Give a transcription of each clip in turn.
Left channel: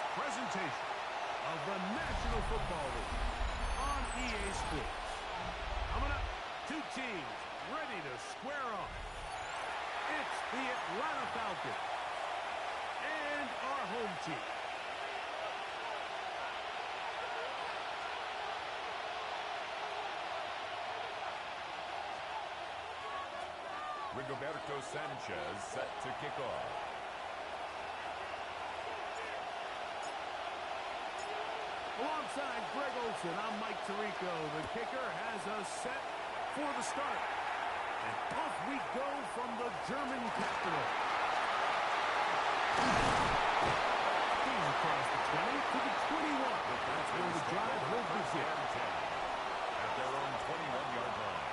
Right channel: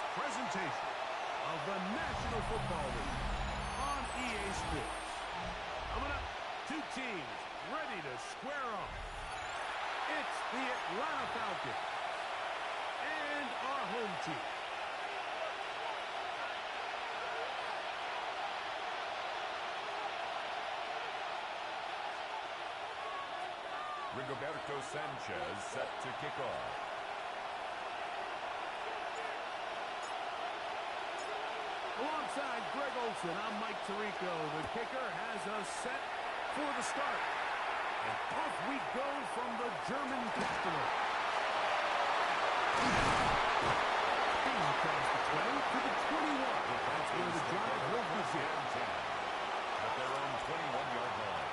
this presentation of the National Football League on EA Sports. Coming up, two teams ready to square off. It's the Atlanta Falcons and our home team. Rigoberto Sanchez set to kick off. Alongside Greg Olsen, I'm Mike Tirico. The kicker has us set for the start. And off we go from the German capital. He's across the 20 to the 21. That's where the drive will begin. At their own 21-yard line.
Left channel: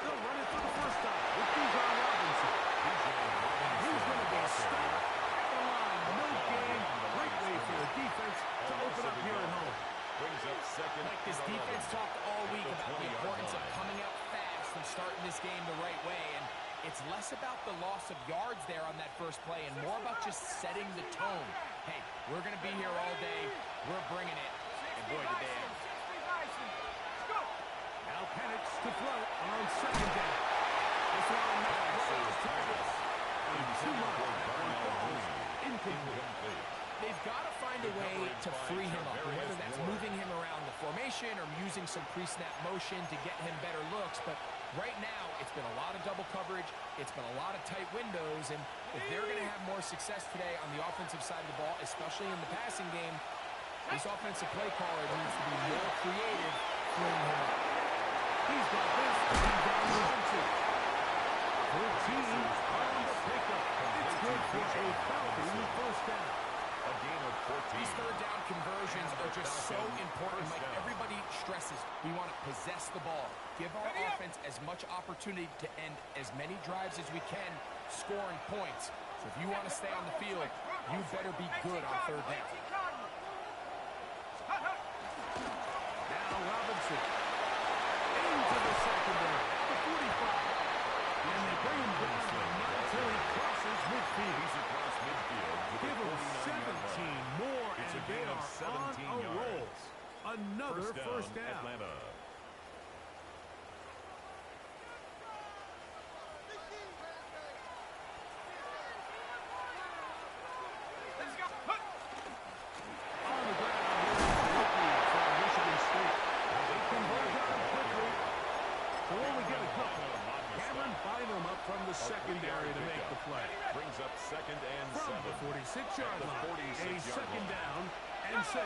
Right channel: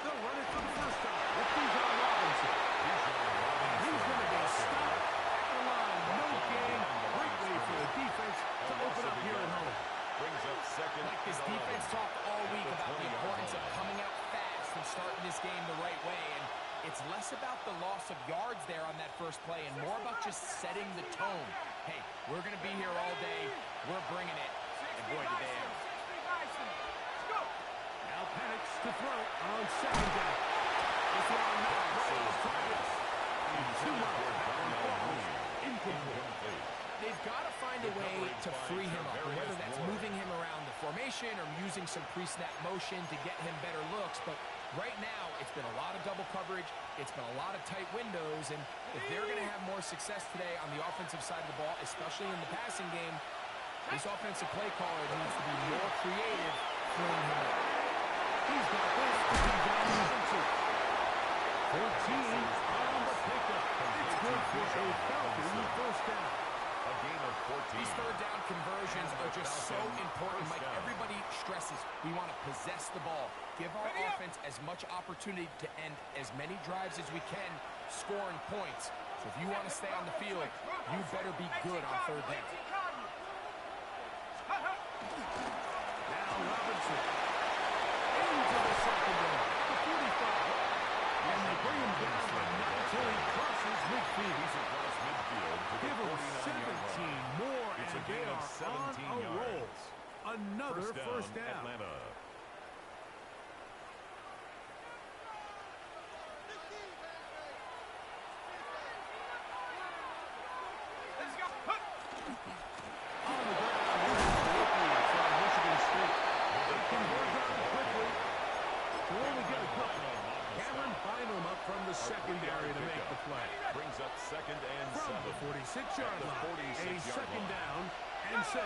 They'll run it for the first time with Bijan Robinson. And he's going to be stopped at the line. No gain. Great way for the defense to open up here at home. Brings up second. Like this defense talked all week about the importance of coming out fast and starting this game the right way. And it's less about the loss of yards there on that first play and more about just setting the tone. Hey, we're going to be here all day. We're bringing it. And boy, did they ever. Now Penix to throw on second down. This one not right on target. And too much. That one falls incomplete. They've got to find a way to free him up, whether that's moving him around the formation or using some pre-snap motion to get him better looks. But right now, it's been a lot of double coverage. It's been a lot of tight windows. And if they're going to have more success today on the offensive side of the ball, especially in the passing game, this offensive play caller needs to be more creative freeing him up. He's got this. Bijan Robinson. 14 on the pickup. It's good for a Falcon first down. A gain of 14. These third down conversions are just so important. Like everybody stresses, we want to possess the ball. Give our offense as much opportunity to end as many drives as we can, scoring points. So if you want to stay on the field, you better be good on third down. Now Robinson into the secondary at the 45. And they bring him down, but not until he crosses midfield. He's across midfield to Give the him 49-yard 17 more, It's and a they gain of are 17 on a roll. yards. Another first down. Atlanta. On the ground, here's the rookie from Michigan State. They convert on quickly. So when we get a couple, Cameron Bynum up from the secondary to make the play. Brings up second and From 7. the 46-yard line, a second down and 6.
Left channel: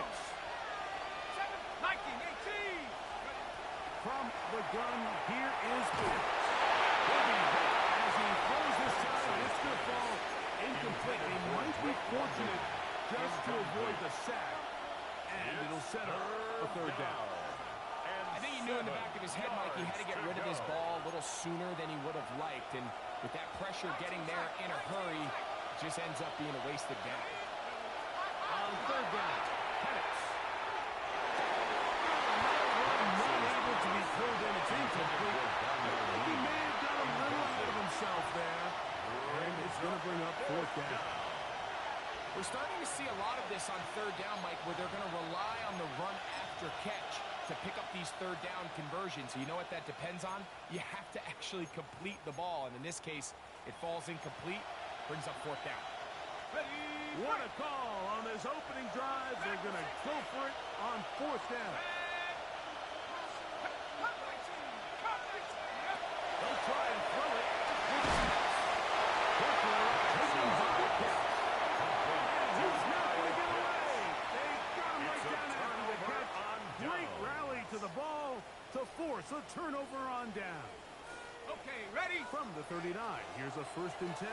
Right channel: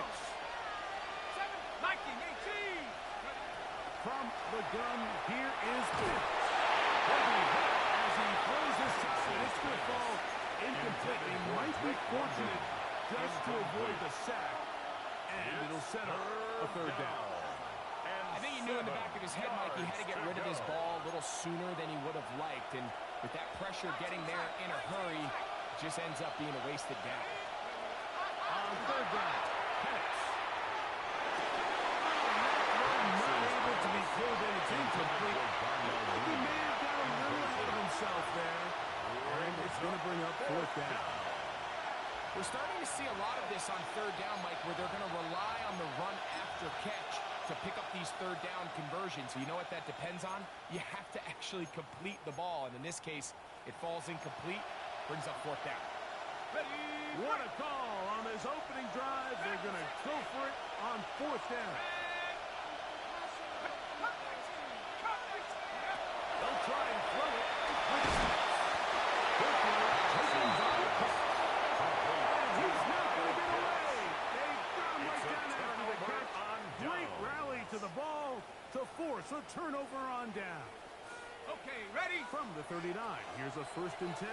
From the gun, here is Penix. Will be hit as he throws this time, and it's going to fall incomplete. He might be fortunate just to avoid the sack, and it'll set up a third down. I think he knew in the back of his head, Mike, he had to get rid of this ball a little sooner than he would have liked. And with that pressure getting there in a hurry, it just ends up being a wasted down. On third down, Penix. Not able to be pulled in. It's incomplete. I think he may have got a little ahead of himself there. And it's going to bring up fourth down. We're starting to see a lot of this on third down, Mike, where they're going to rely on the run after catch to pick up these third down conversions. You know what that depends on? You have to actually complete the ball. And in this case, it falls incomplete, brings up fourth down. What a call on this opening drive. They're going to go for it on fourth down. They'll try and throw it with Quickly taken by Pitts. And he's not going to get away. They've got him right down after the catch. Great rally to the ball to force a turnover on down. Okay, ready? From the 39, here's a 1st and 10.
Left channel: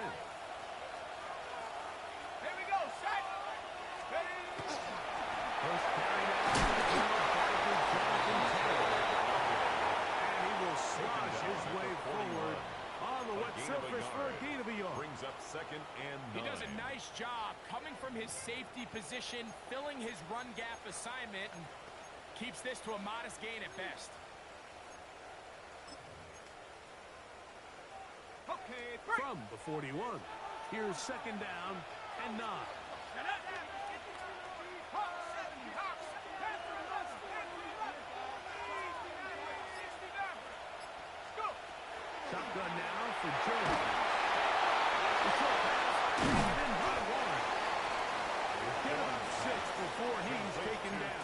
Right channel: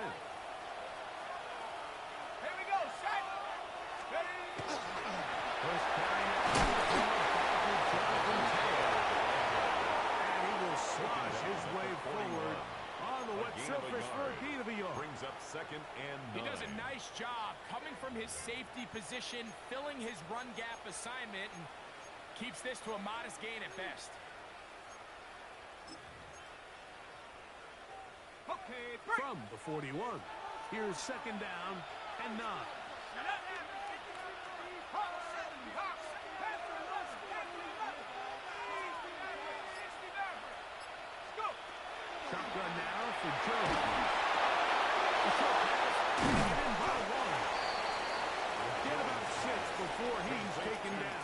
Here we go, set. Ready? First carry down to the field by Jonathan Taylor. And he will slosh his way forward on the way up second and 9. He does a nice job coming from his safety position, filling his run gap assignment, and keeps this to a modest gain at best. Okay, from the 41. Here's second down and 9. Shotgun now for Jones. The short pass, taking it in by Warren. Get about 6 before he's taken down.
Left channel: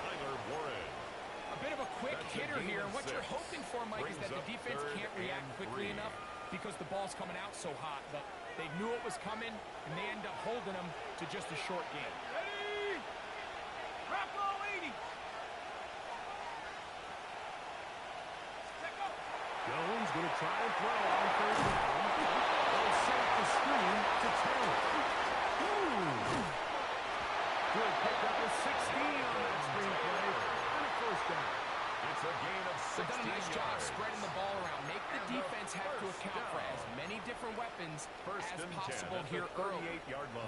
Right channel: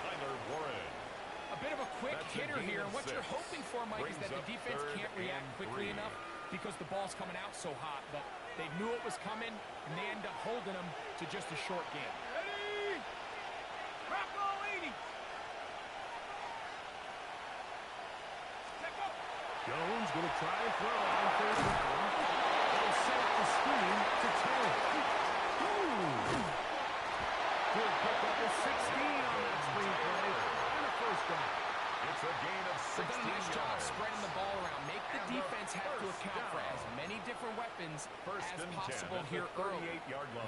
A bit of a quick hitter here, and what you're hoping for, Mike, is that the defense can't react quickly enough because the ball's coming out so hot. But they knew it was coming, and they end up holding them to just a short game. Ready? Rock all 80. Jones going to try and throw on third down. They'll set the screen to Taylor. Good pickup of 16 on that screen play. And a first down. It's a gain of 16 They've done a nice job yards. spreading the ball around. Make the defense have to account for as many different weapons as possible here early.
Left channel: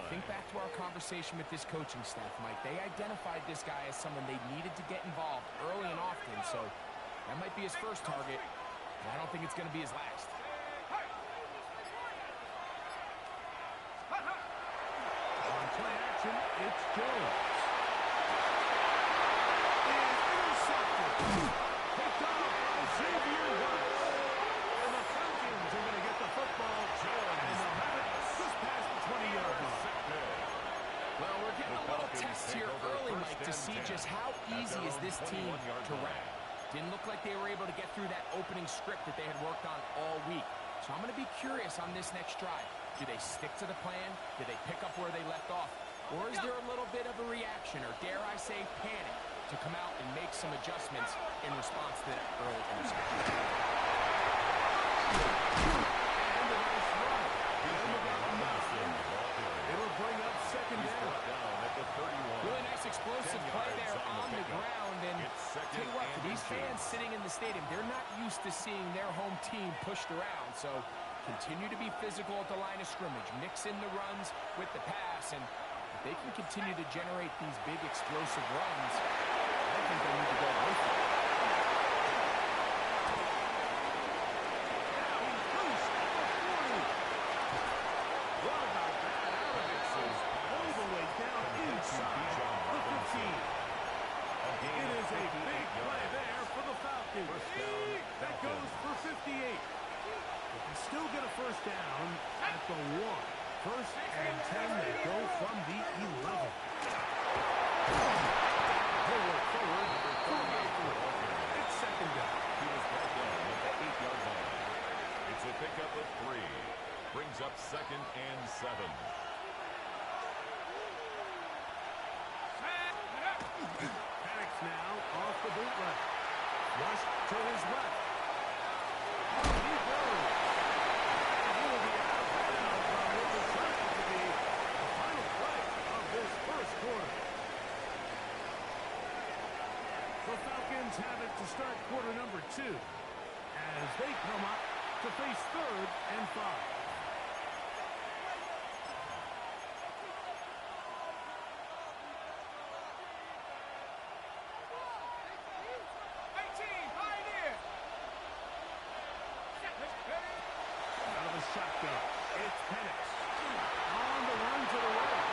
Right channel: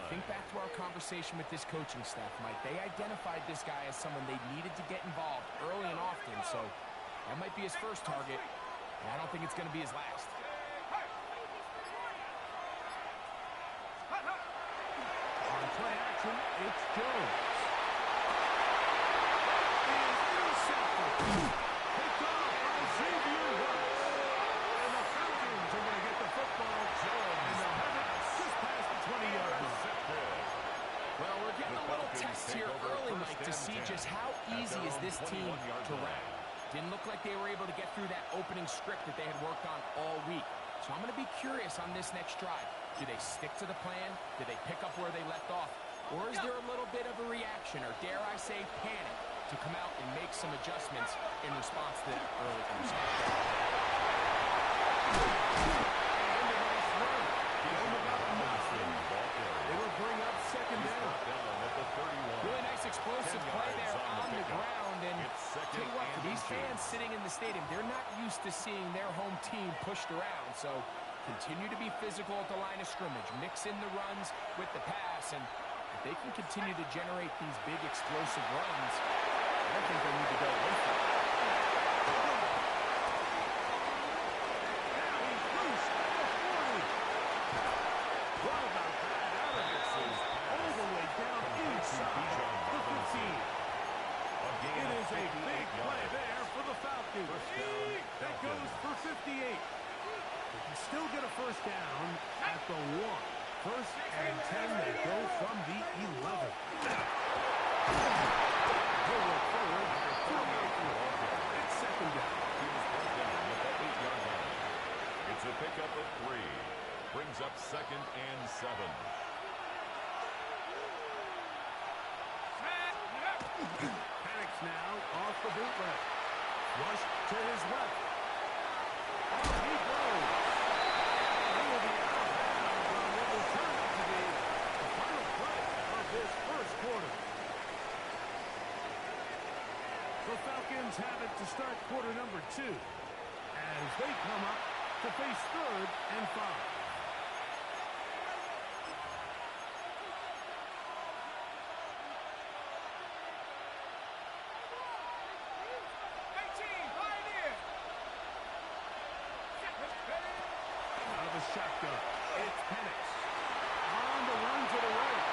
Think back to our conversation with this coaching staff, Mike. They identified this guy as someone they needed to get involved early and often, so that might be his first target, and I don't think it's going to be his last. On play action, it's Jones. Is intercepted. Picked off by Xavier Woods. And the Falcons are going to get the football. And they'll have it just past the 20-yard line. Well, we're getting a little test here early, Mike, to see just how easy is this team to wrap. Didn't look like they were able to get through that opening script that they had worked on all week. So I'm going to be curious on this next drive. Do they stick to the plan? Do they pick up where they left off? Or is there a little bit of a reaction, or dare I say panic, to come out and make some adjustments in response to that early interception? And a nice run. It'll bring up second down. Really nice explosive play there on the ground. And tell you what, for these fans sitting in the stadium, they're not used to seeing their home team pushed around. So continue to be physical at the line of scrimmage. Mix in the runs with the pass. And if they can continue to generate these big explosive runs, I don't think they need to go away from it. Now he's loose at the 40. What about that? Out of it. All the way down inside the 15. It is a big play there for the Falcons. That goes for 58. They can still get a first down at the 1. First and 10, they go from the 11. He'll work forward. It's second down. He was brought down at the 8-yard line. It's a pickup of 3. Brings up second and 7. Panics now off the bootleg. Rush to his left. On he goes. He will be out of bounds on what will turn out to be the final play of this first quarter. The Falcons have it to start quarter number 2 as they come up to face third and 5. Shotgun. It's Penix. On the run to the right.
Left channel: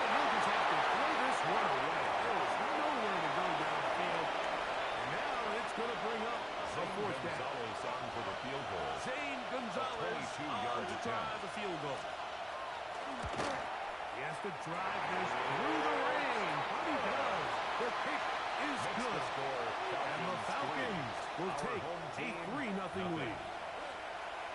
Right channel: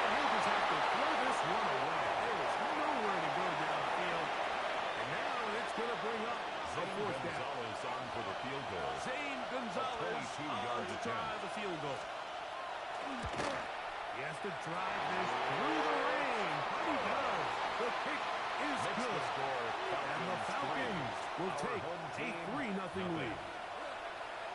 And he'll just have to throw this one away. There is nowhere to go downfield. And now it's going to bring up a fourth down. Gonzalez on for the field goal. Zane Gonzalez 22-yard to attempt. try the field goal. He has to drive this through the rain. But he does. The kick is good. The score, And the Falcons will take a 3-0 lead.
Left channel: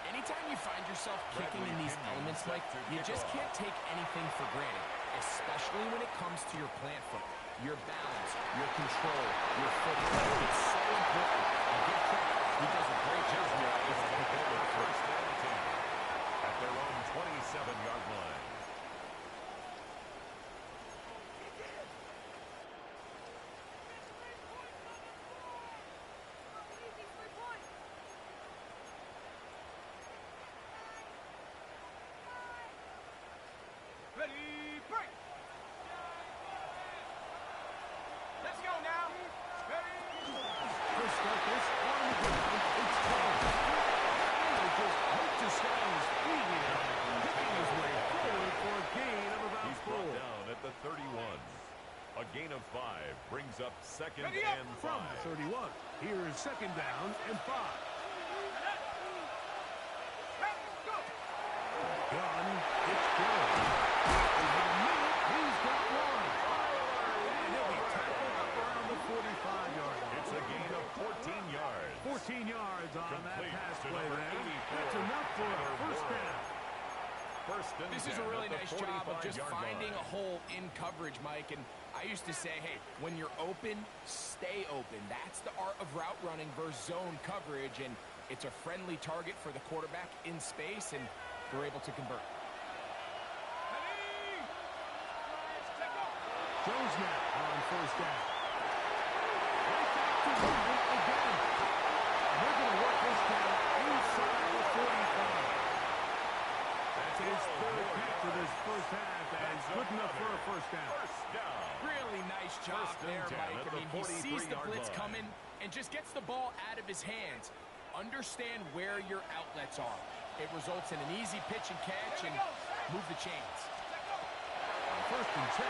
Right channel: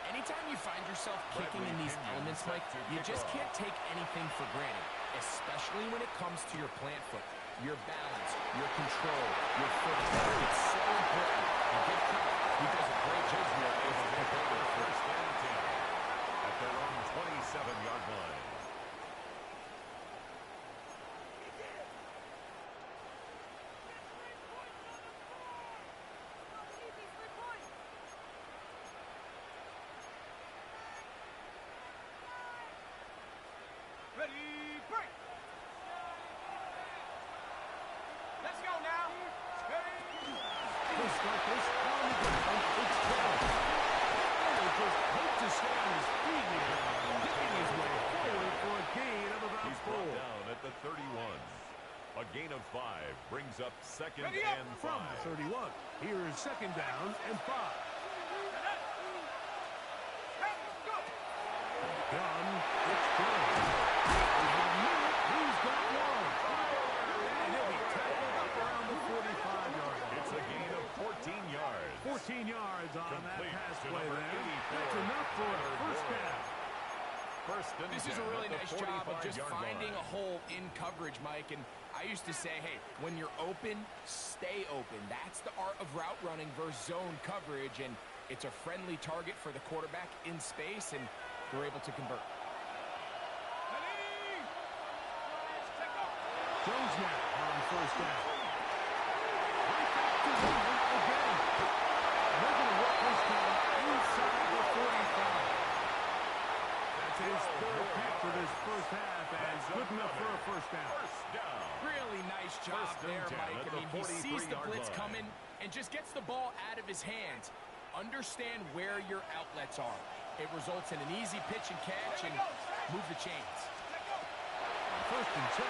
Anytime you find yourself kicking in these elements, Mike, you just can't take anything for granted, especially when it comes to your plant foot, your balance, your control, your footing. It's so important. And give credit, he does a great job here able to pick over the first and 10 at their own 27-yard line. brings up second Ready up. and From 5. the 31. Here's second down and 5. Gun, it's good. Over the middle, he's got one. And he'll be tackled up around the 45-yard line. It's a gain of 14 yards. 14 yards on that Complete pass to play number there. 84, That's enough for a Tyler first Boyd. down. First and This is 10 a really at the nice job of just 45-yard finding line. a hole in coverage, Mike. And I used to say, hey, when you're open, stay open. That's the art of route running versus zone coverage. And it's a friendly target for the quarterback in space, and they're able to convert. Jones now on first down. Right back to line again. They're going to work this down inside the 45. That's his third catch of this first half, and good enough for a first down. First down. Really nice job First and there, 10 Mike. at I the mean, he sees the 43-yard blitz line. coming and just gets the ball out of his hands. Understand where your outlets are. It results in an easy pitch and catch and move the chains. On first and 10,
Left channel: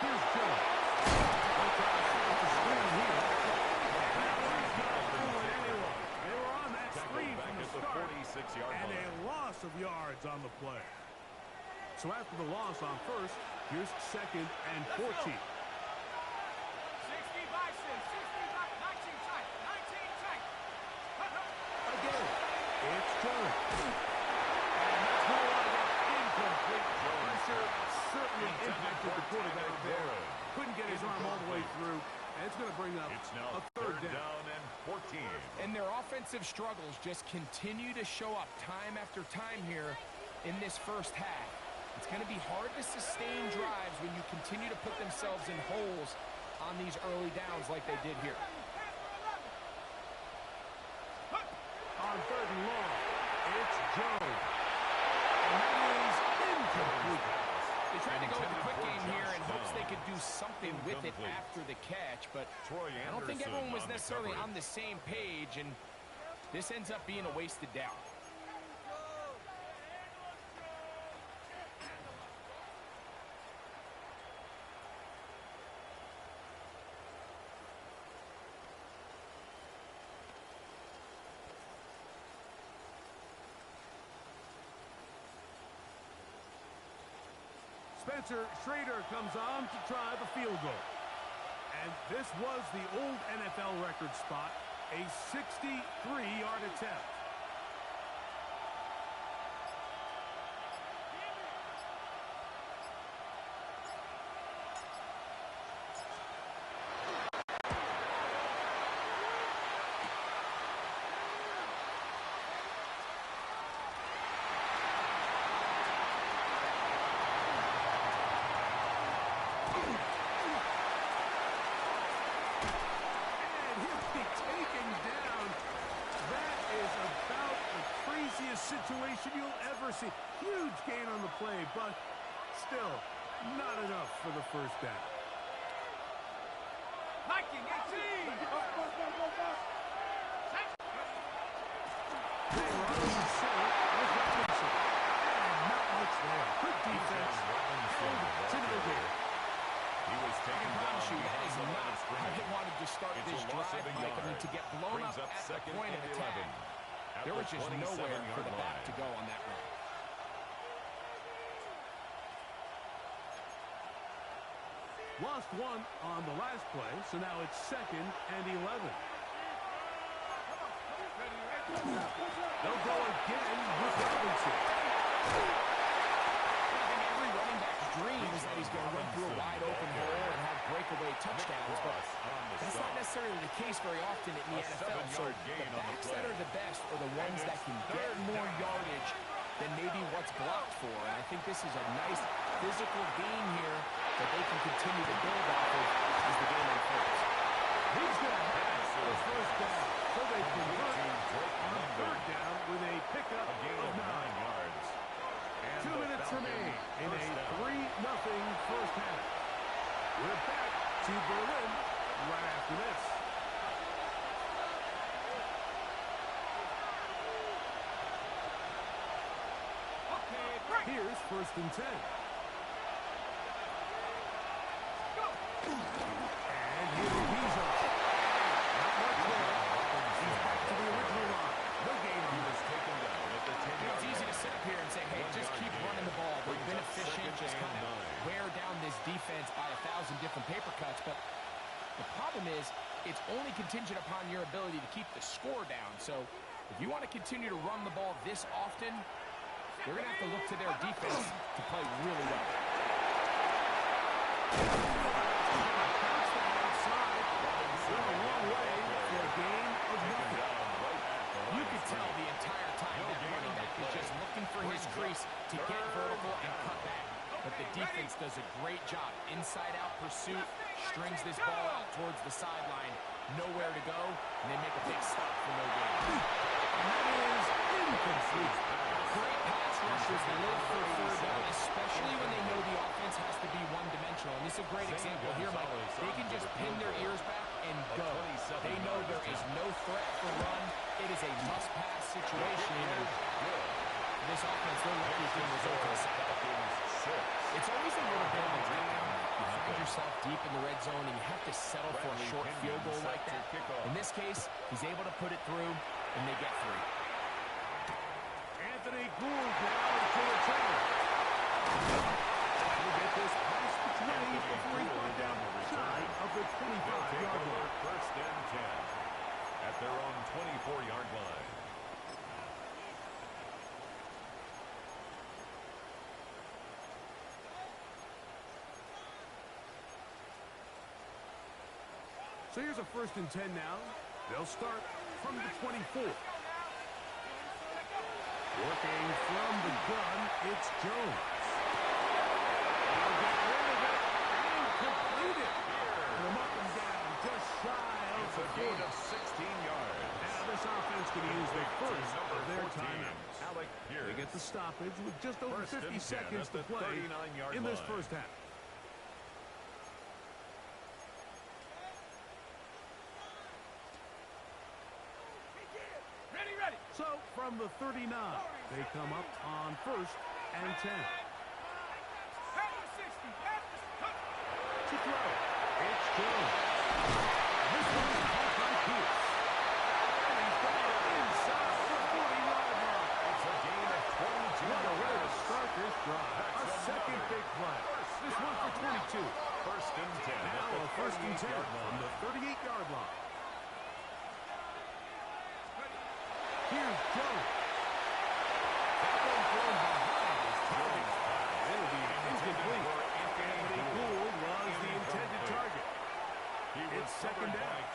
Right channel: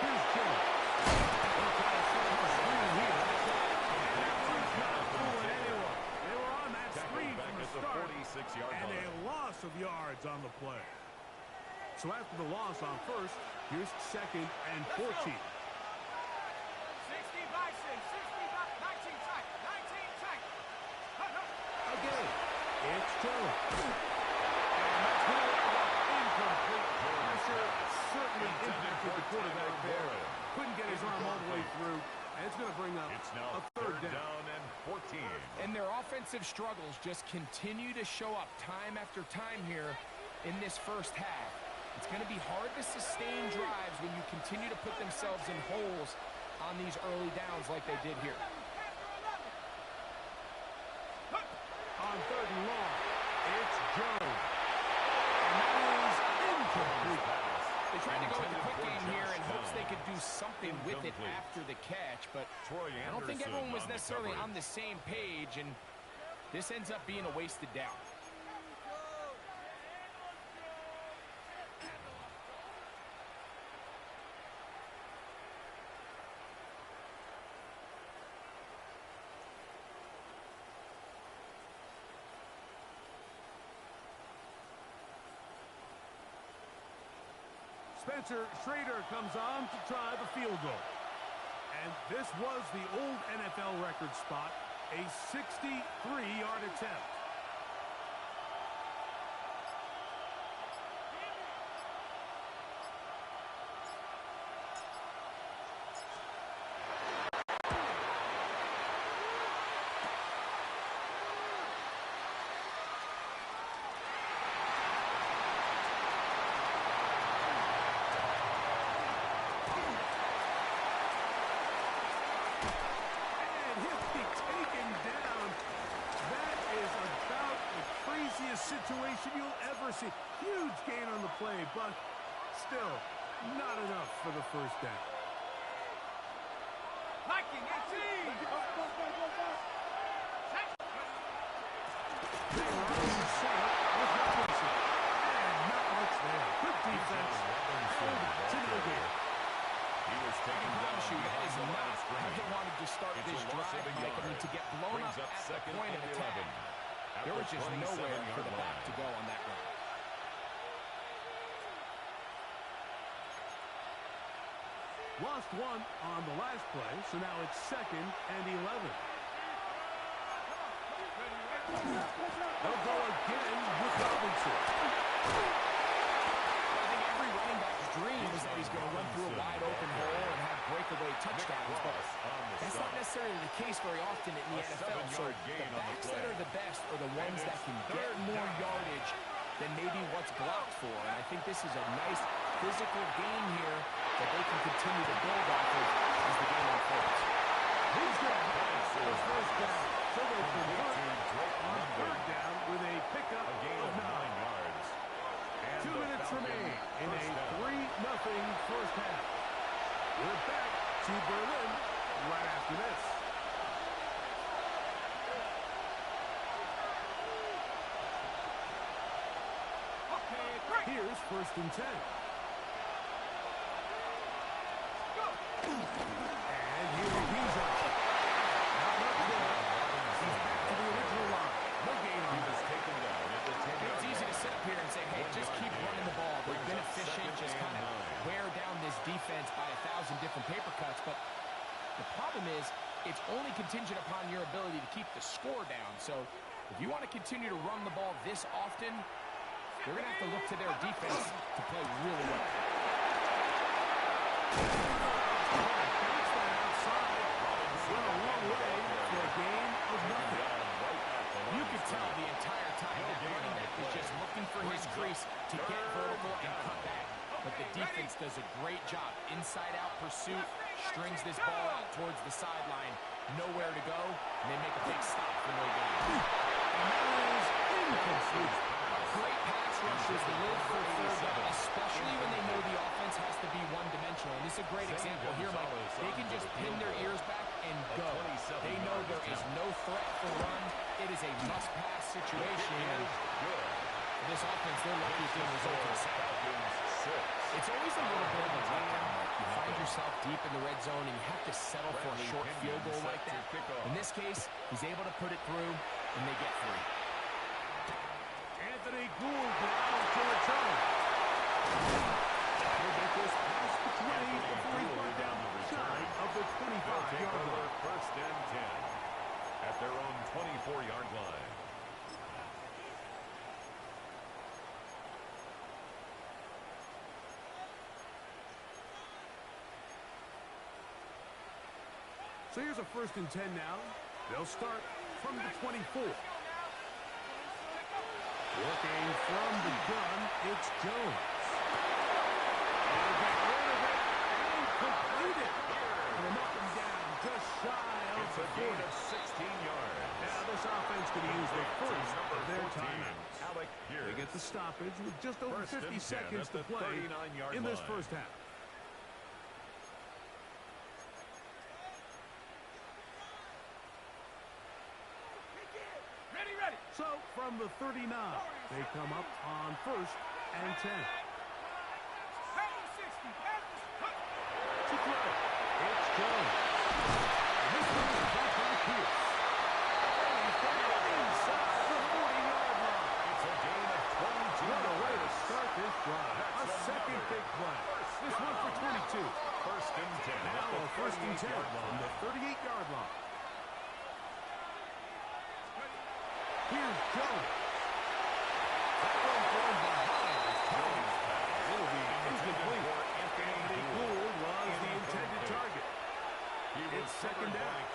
here's Jones. They'll try to set up a screen here. And that one's not fooling anyone. They were on that screen Tackled back from the at the start. 46-yard And a line. loss of yards on the play. So after the loss on first, here's second and 14. 60 Bison, 60 Bison, 19 tight, 19 tight. Again, it's Jones. And that's going to wind up incomplete. Pressure certainly impacted the quarterback there. Couldn't get his arm all the way through. And it's going to bring up It's now a third down. down and 14. And their offensive struggles just continue to show up time after time here in this first half. It's going to be hard to sustain drives when you continue to put themselves in holes on these early downs like they did here. On third and long, it's Jones. And that is incomplete. They tried to go with the quick Intended for game here in Josh hopes they Downs. could do something with it Incomplete. after the catch, but Troy I don't think Anderson everyone was on the necessarily coverage. on the same page, and this ends up being a wasted down. Spencer Schrader comes on to try the field goal. And this was the old NFL record spot, a 63-yard attempt. Situation you'll ever see. Huge gain on the play, but still not enough for the first down. Viking, 18. They run over center with Robinson. And not much there. Good defense. And to no gain. He was I taken can down promise you that behind is the line not of how scrimmage. they wanted to start It's this a loss drive, of a Mike. I mean, yard. to get blown Brings up up at the second point of and attack, 11 at there the was just nowhere for 27-yard the back line. to go on that run. Lost one on the last play, so now it's second and 11. They'll go again with Robinson. I think every running back's dream is that he's going to run through a wide open hole and have breakaway touchdowns, but that's not necessarily the case very often in the NFL. So the backs that are the best are the ones that can get more yardage than maybe what's blocked for. And I think this is a nice physical gain here that they can continue to build off of as the game unfolds. He's going to have the first down, so they convert on third down with a pickup of 9 yards. 2 minutes remain in a 3-0 first half. We're back to Berlin right after this. Here's first and 10. And here he from paper cuts, but the problem is it's only contingent upon your ability to keep the score down. So if you want to continue to run the ball this often, they're going to have to look to their defense to play really well. Bounce that outside. Went a long way for a gain of nothing. You can tell the entire time that running back is just looking for his crease to get vertical and cut back. But the defense does a great job. Inside-out pursuit, strings this ball out towards the sideline. Nowhere to go, and they make a big stop for no gain. And that is incomplete. Great pass rushers live for third down, especially when they know the offense has to be one-dimensional. And this is a great example here, Mike. They can just pin their ears back and go. They know there is no threat for run. It is a must-pass situation. And for this offense, they're lucky it didn't result in a sack. It's always a little bit of a letdown. You find yourself deep in the red zone, and you have to settle for a short field goal like that. In this case, he's able to put it through, and they get 3. Anthony Gould now to return. He'll get this past the 20 before he's brought down shy of the 25-yard line. First and 10 at their own 24-yard line. So here's a 1st and 10 now. They'll start from the 24. Working from the gun, it's Jones. He'll get rid of it and complete it. Put him up and down, just shy of It's a gain of 16 yards. Now this offense going to use the first of their timeouts. They get the stoppage with just over 50 seconds to play in this first half. So, from the 39, they come up on 1st and 10. To throw, it's Jones. And this one is caught by Pierce. And he's got it inside the 40-yard line. It's a gain of 22. What a way to start this drive. A second big play. This one for 22. First and 10. Now a 1st and 10 from the 38-yard line. Here's Jones. That one thrown behind his target. It'll be incomplete. Anthony Gould was the intended target. It's second down.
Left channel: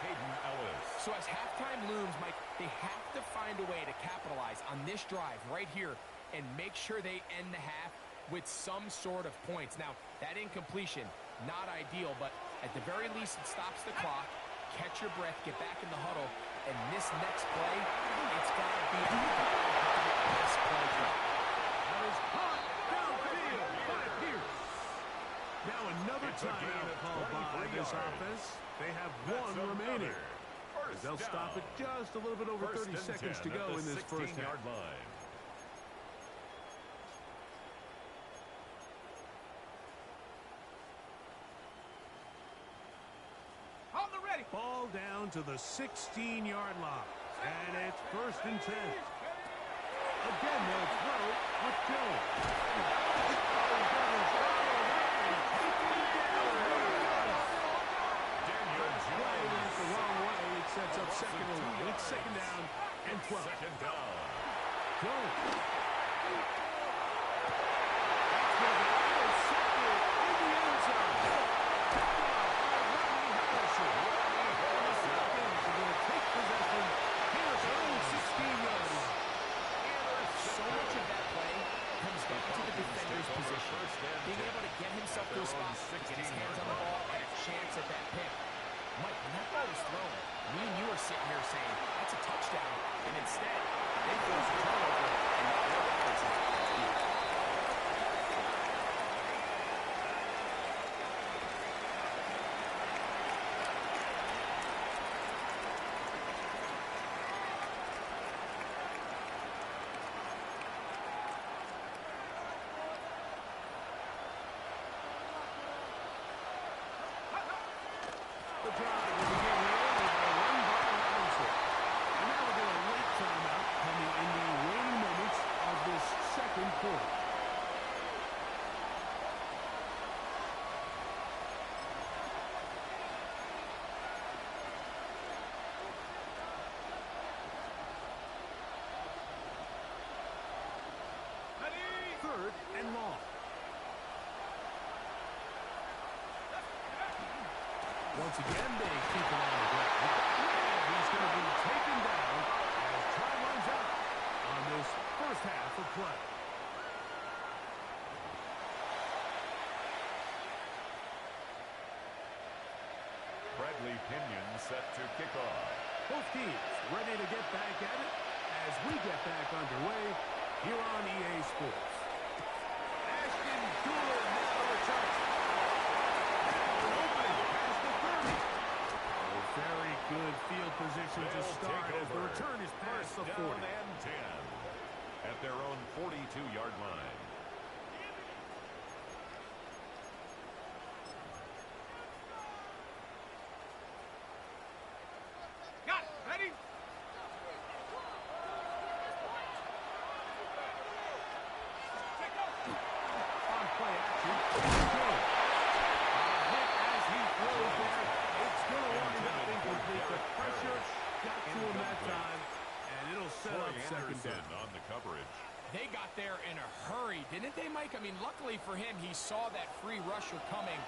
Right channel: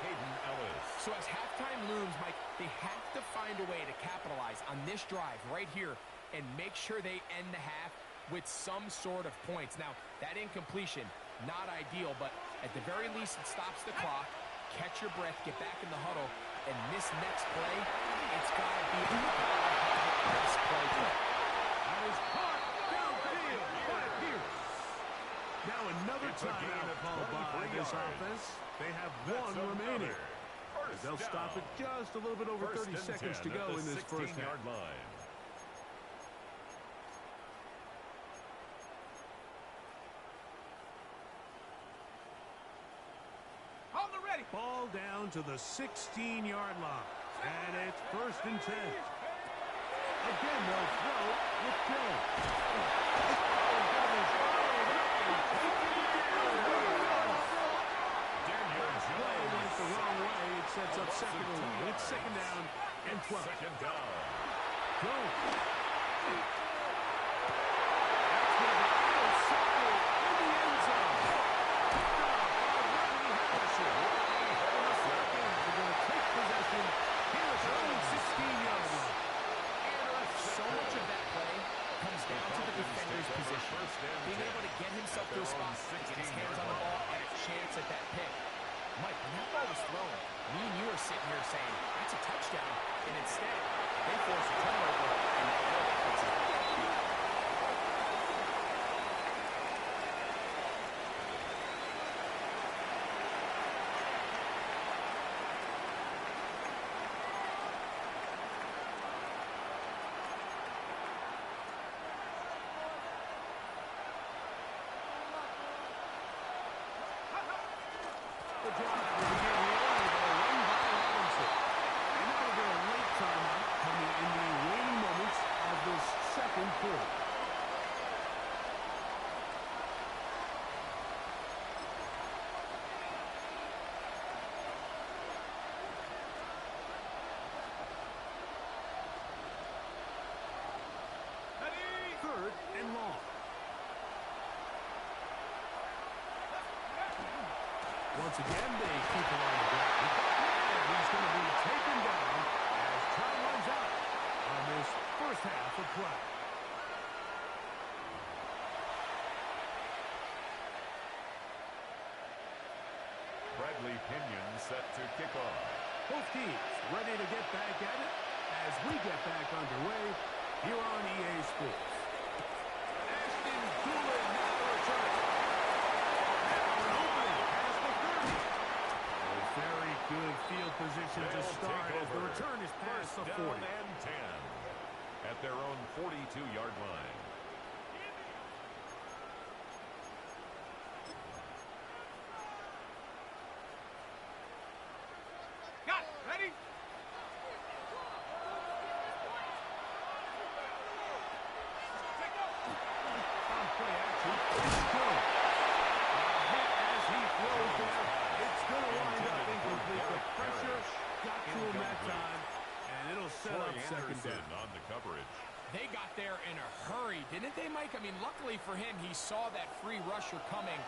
So as halftime looms, Mike, they have to find a way to capitalize on this drive right here and make sure they end the half with some sort of points. Now, that incompletion, not ideal, but at the very least it stops the clock. Catch your breath, get back in the huddle, and this next play, it's got to be this play. That is caught downfield by Pierce. Now another timeout called by this offense. They have one remaining. They'll stop it just a little bit over 30 seconds to go in this first half. Ball down to the 16-yard line. And it's 1st and 10. Again, they'll throw with Jones. Oh, that is followed up and taken down. Last play went the wrong way. It sets up 2nd and 1. It's 2nd down and 12. Second down. Jones. That's going to be intercepted in the end zone. Picked off by Rodney Harrison. Take possession here at their own 16-yard line. So much of that play comes down to the defender's position. Being able to get himself to a spot, get his hands on the ball, and a chance at that pick. Mike, when that ball was thrown, me and you are sitting here saying, that's a touchdown. And instead, they force a turnover, and now their offense is beat. The drive will begin here with a run by Robinson. And now we get a late timeout coming in the waning moments of this second quarter. Once again, they keep it on the ground. And he's going to be taken down as time runs out on this first half of play. Bradley Pinion set to kick off. Both teams ready to get back at it as we get back underway here on EA Sports. Ashton Doolin now to return it. Now an opening past the 30. Oh, very good field position to start as the return is past the 40. Down and 10 at their own 42-yard line. Got it. Ready? On play action, it's Jones. A hit as he throws there. It's going to wind up incomplete. The pressure got to him that time, and it'll set up second down. On the coverage. They got there in a hurry, didn't they, Mike? I mean, luckily for him, he saw that free rusher coming,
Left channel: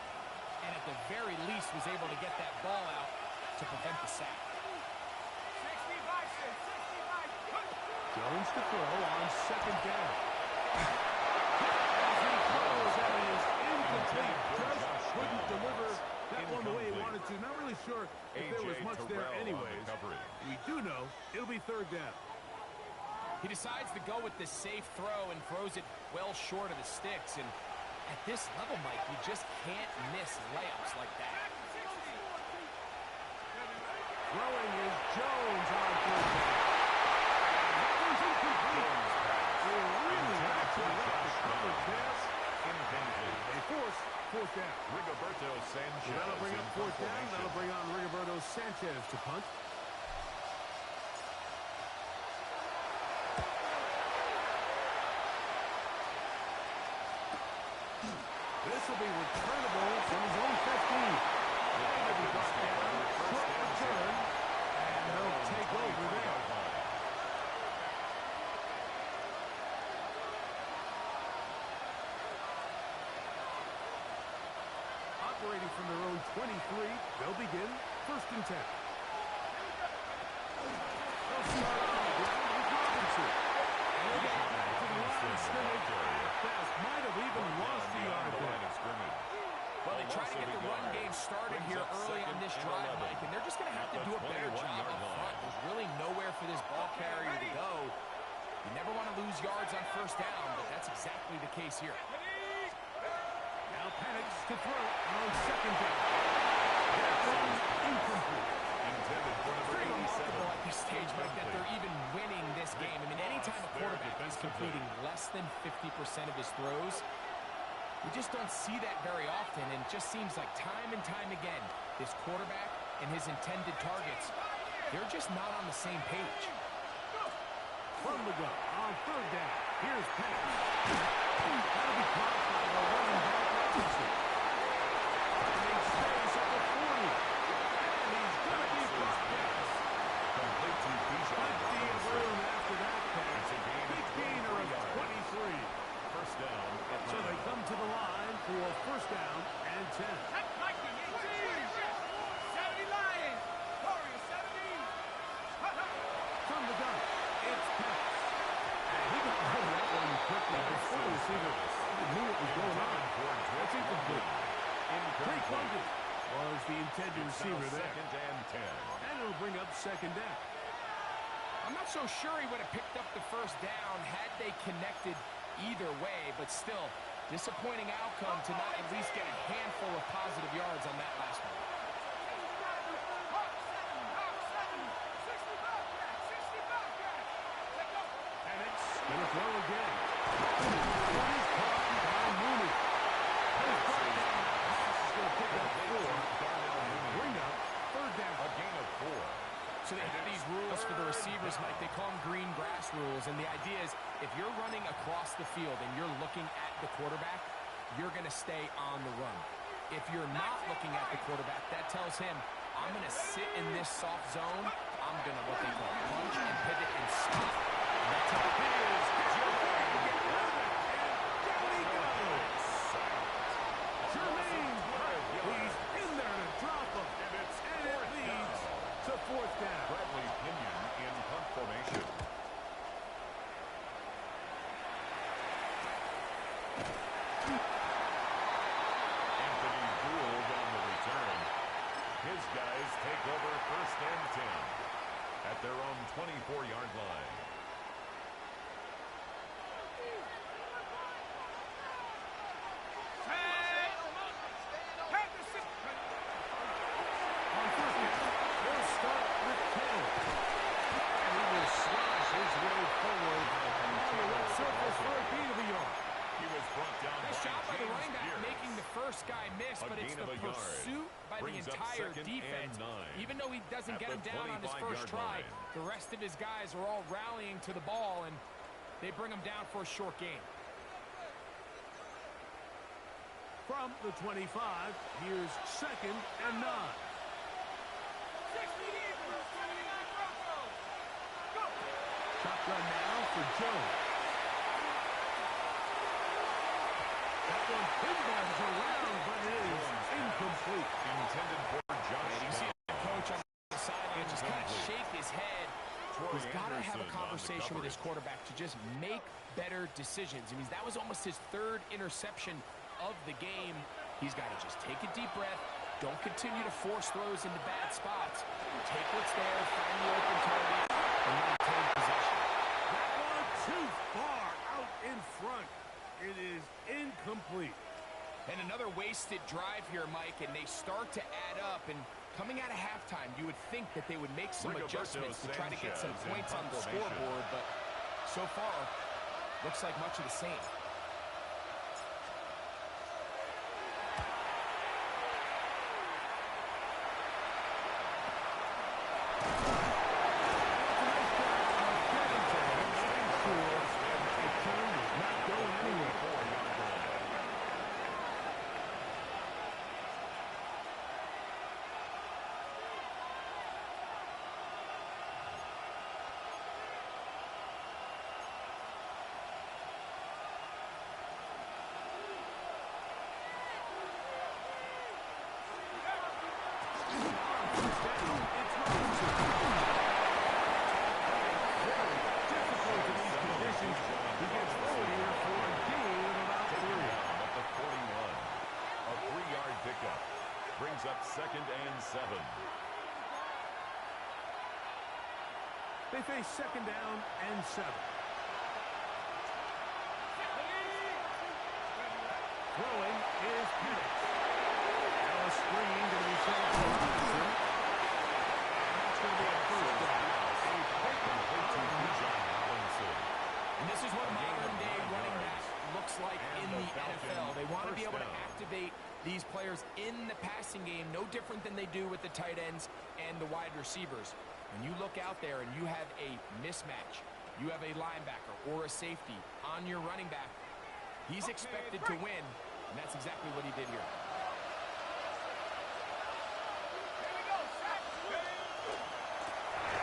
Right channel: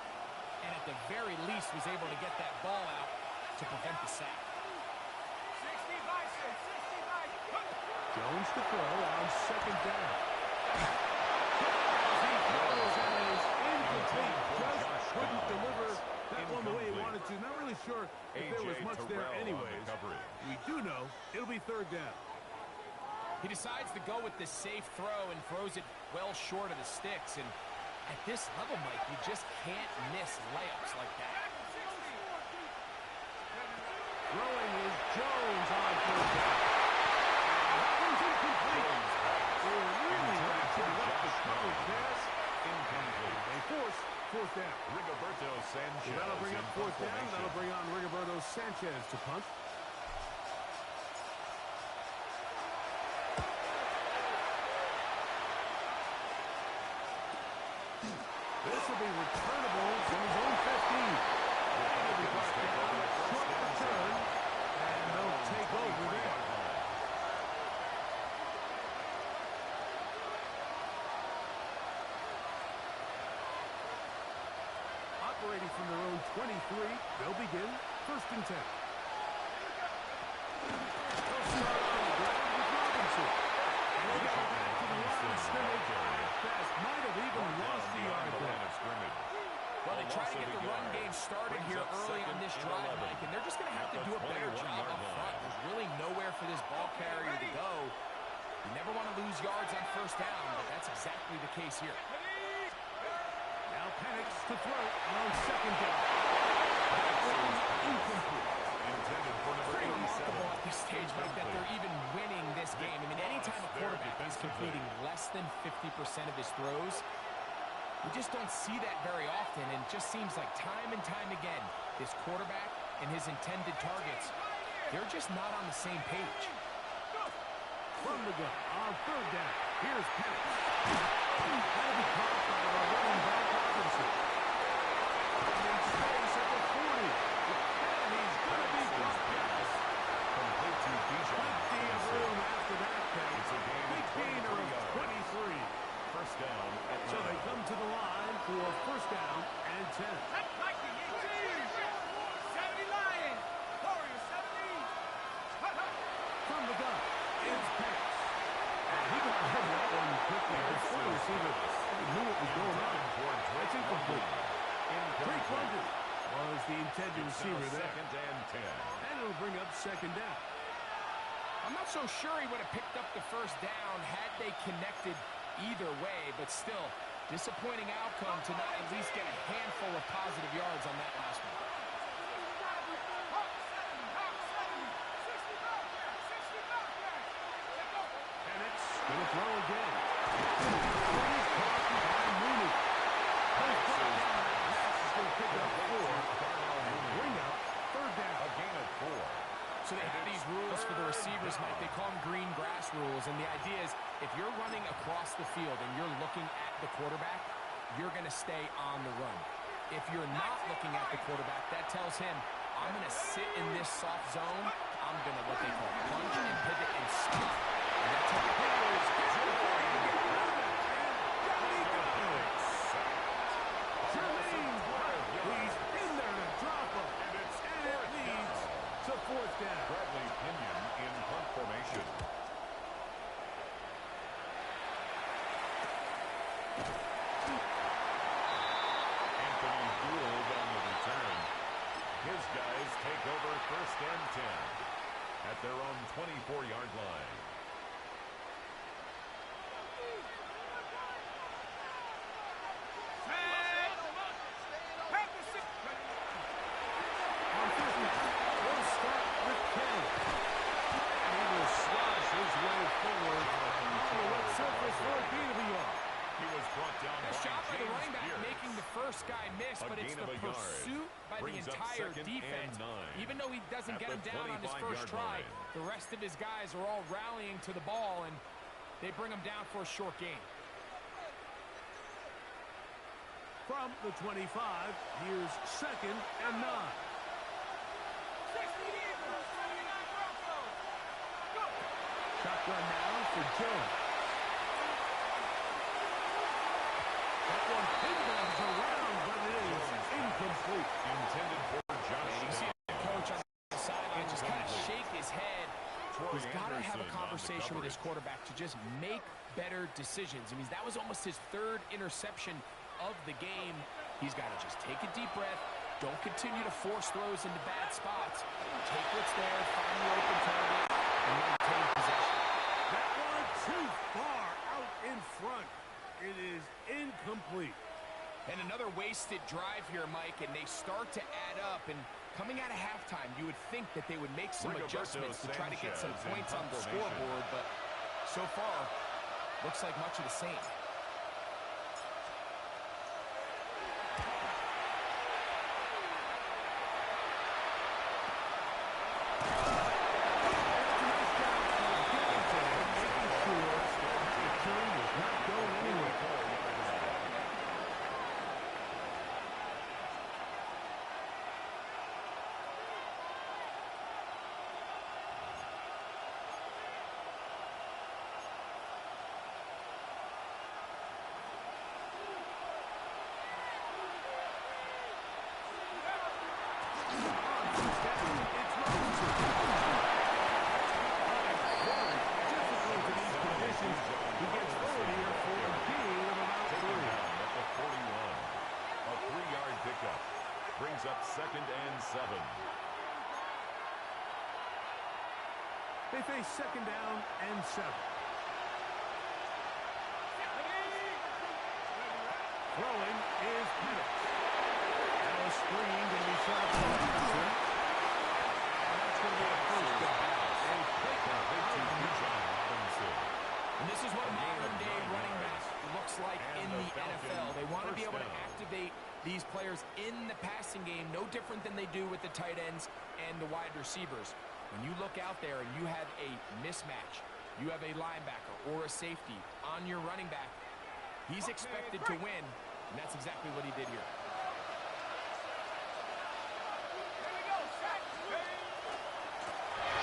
and at the very least was able to get that ball out to prevent the sack. 60 by 6. 60 by 6. Jones to throw on second down. As he throws and is incomplete. Just couldn't deliver that one the way he wanted to. Not really sure if there was much there anyways. We do know it'll be third down. He decides to go with the safe throw and throws it well short of the sticks. And at this level, Mike, you just can't miss layups like that. 60. Throwing is Jones on third down. And that one's incomplete. They really ratcheted up the coverage there. Incomplete. They force fourth down. Rigoberto Sanchez. So that'll bring up in fourth down. formation. That'll bring on Rigoberto Sanchez to punt. This will be returnable from his own 15. And he'll be brought down. Short return. And they'll take over there. Operating from their own 23, they'll begin first and 10. They'll start on the ground with Robinson. And he'll get back to the line of scrimmage. Fast might have even lost the yard there. Well, they try to get the run game started here early on this drive, Mike, and they're just going to have to do a better job up front. There's really nowhere for this ball carrier to go. You never want to lose yards on first down, but that's exactly the case here. Now Penix to throw on second down. That one incomplete. Intended for number Pretty 87. remarkable at this stage, Mike, that they're even winning this game. I mean, anytime a quarterback is completing less than 50% of his throws, we just don't see that very often, and it just seems like time and time again, this quarterback and his intended targets, they're just not on the same page. From the gun on third down. Here's Penix. That'll be caught by the running back Robinson. Finding space at the 40. And he's going to be brought down. Complete to Bijan Plenty of Robinson. room after that catch. It's a gain of Big gainer of 23 23. First down. So they come to the line for first down and 10. That's Viking 18. 70 Lions. Warriors 70. From the gun, it's Penix. And he got rid of that one quickly before the receiver knew what was going on. That's incomplete. Drake London was the intended receiver there. Second and 10. And it'll bring up second down. I'm not so sure he would have picked up the first down had they connected either way, but still, disappointing outcome to not at least get a handful of positive yards on that last one. Hawk 7. 60 Bobcat. 60 Bobcat. Let's go. Penix gonna throw again. One is caught by Mooney. He's brought down. That pass is gonna pick up 4. And bring up third down. A gain of 4. So they have these rules for the receivers, Mike. They call them green grass rules, and the idea is if you're running across the field and you're looking at the quarterback, you're going to stay on the run. If you're not looking at the quarterback, that tells him, I'm going to sit in this soft zone. I'm going to, what they call, punch and pivot and stop. And that's how it is. Down he goes. Jermaine Burke. He's in there to drop him. Bradley Pinion in punt formation. Anthony Gould on the return. His guys take over 1st and 10 at their own 24-yard line. On 1st down, they'll start with Taylor. And he will slosh his way forward on the wet surface for a gain of a yard. He was brought down Nice by job by the James running back Pierce. making the first guy miss, A but it's gain the of a yard. pursuit by the Brings up entire 2nd and defense. 9 Even though he doesn't at get the him down on his 25-yard first try, line. the rest of his guys are all rallying to the ball, and they bring him down for a short gain. From the 25, here's 2nd and 9. 60 Eagles, 79 Broncos. Go! Shotgun now for Jones. That one pinballs around, but it is incomplete. Intended for Josh And you can see the coach on the sideline just kind of shake his head. He's got to have a conversation with his quarterback to just make better decisions. I mean, that was almost his 3rd interception of the game. He's got to just take a deep breath. Don't continue to force throws into bad spots. Take what's there, find the open target, and maintain possession. That one too far out in front. It is incomplete. And another wasted drive here, Mike, and they start to add up. And coming out of halftime, you would think that they would make some Rigoberto adjustments to try to get some Sanchez in points on the punt formation. scoreboard, but so far, looks like much of the same. That's a nice job of getting to him, making sure that the turn was not going anywhere. 4-yard line. On 1st down, it's Robinson. Very difficult in these conditions. He gets forward here for a gain of about Taken 3. down at the 41. A 3-yard pickup brings up 2nd and 7. They face 2nd down and 7. Throwing is Penix. Now a screen going to be set up for Robinson. And that's going to be a 1st down. A pickup To of 9. John Robinson. And this is what A gain of modern-day 9 running back yards. looks like And in the the Falcons' NFL. They want to be able to first down. activate these players in the passing game, no different than they do with the tight ends and the wide receivers. When you look out there and you have a mismatch, you have a linebacker or a safety on your running back, he's expected to win, and that's exactly what he did here. Here we go, sack.